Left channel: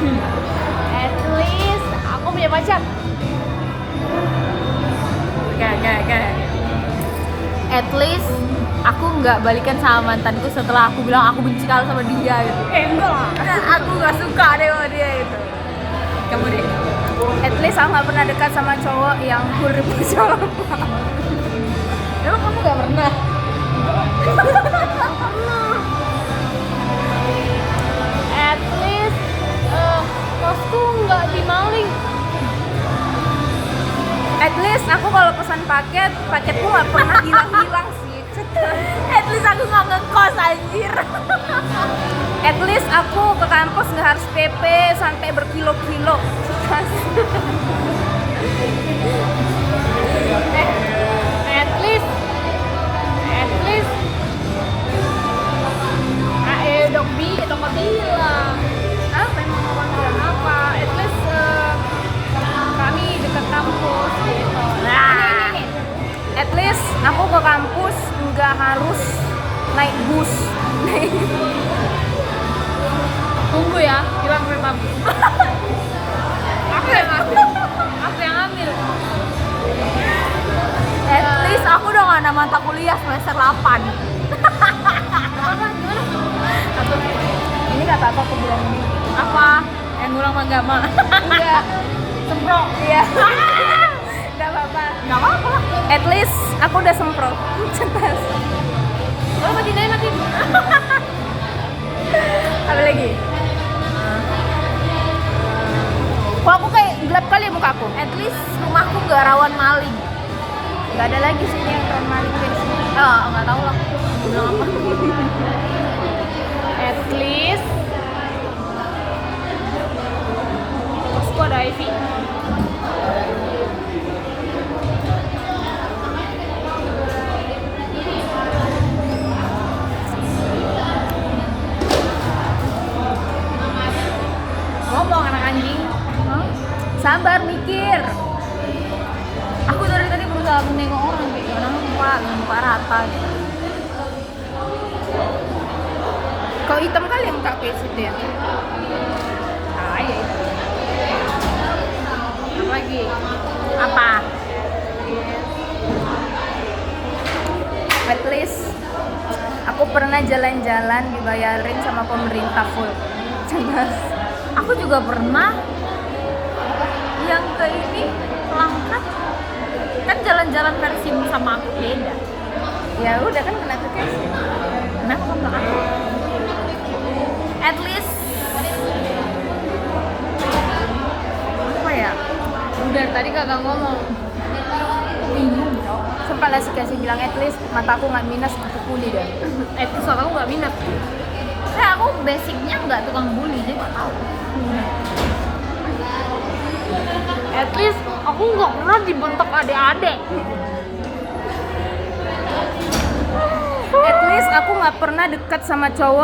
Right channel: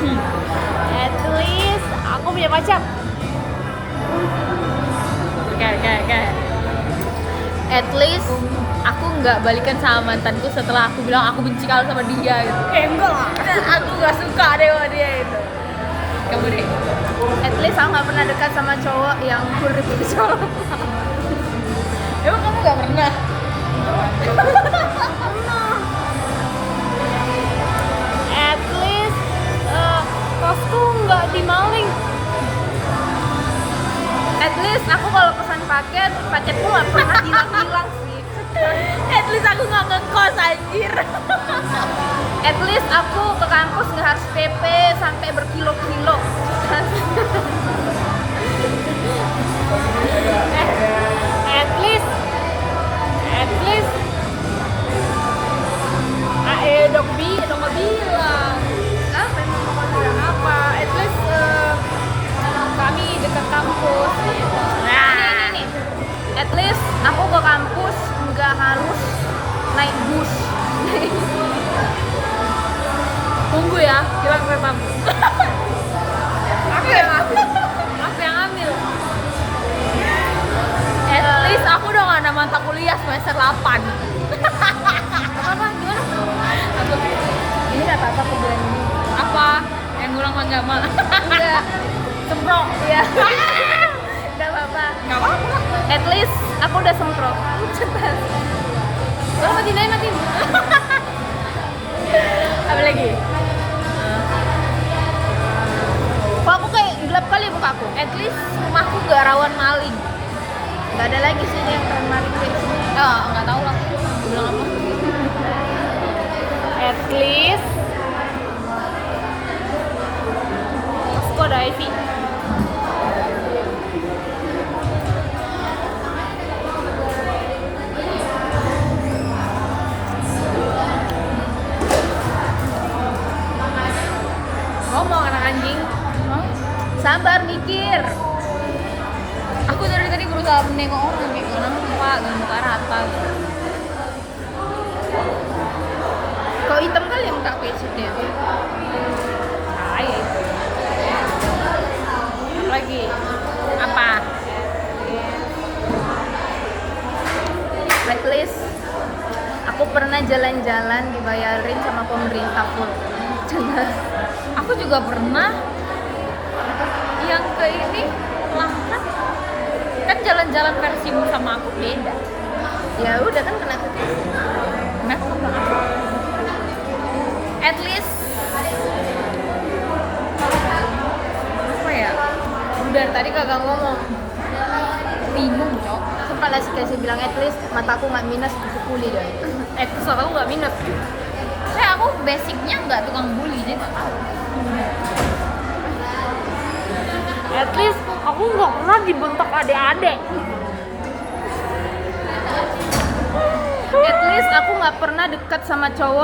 At least aku punya pacar. Oke. At least aku nggak balikan sama mantanku setelah aku bilang aku benci kalau sama dia gitu. Enggak lah. Dan aku nggak suka deh sama dia itu. Kamu deh. At least aku nggak pernah dekat sama cowok yang huruf cowok. Emang kamu nggak pernah? At least kosku nggak dimaling. At least aku kalau pesan paketku nggak pernah hilang sih. At least aku nggak ngekos anjir. At least aku ke kampus nggak harus PP sampai berkilo-kilo. At least dong nggak bilang apa. At least kami dekat kampus gitu. Nah. Ini. At least aku ke kampus nggak harus naik bus. Tunggu ya, bilang ke kampus. Apa yang ambil? At least aku udah nggak ada mata kuliah semester 8. Apa? Gimana? Aku Ini nggak apa-apa aku bilang ini. apa yang ngulang agama? Enggak. Semprot. Iya. Nggak apa-apa. Nggak apa-apa lah. At least aku udah semprot. Oh, mati. Apa lagi? Kok aku kayak gelap kali mukaku? At least rumahku nggak rawan maling. Nggak ada lagi sih yang keren maling kayak sini. Nggak tahu lah. Aku bilang apa? At least kosku ada Ivy. Ngomong anak anjing. Hah? Sabar mikir. Aku dari tadi berusaha menengok orang kayak gak nampak, gak muka rata gitu. Kau hitam kali ya muka kayak situ ya? Lagi apa? At least aku pernah jalan-jalan dibayarin sama pemerintah full. Jelas. Aku juga pernah yang ke ini Langkat. Kan jalan-jalan versimu sama aku beda. Ya udah kan kena cuti. Kenapa kamu bilang aku? At least apa ya? Udah tadi kagak ngomong. Bingung cok. Sumpah lah sih bilang at least mataku nggak minus kupu kuli deh. At least aku nggak minat. Aku basicnya nggak tukang bully jadi nggak tahu. At least aku nggak pernah dibentak adik-adik. At least aku nggak pernah dekat sama cowok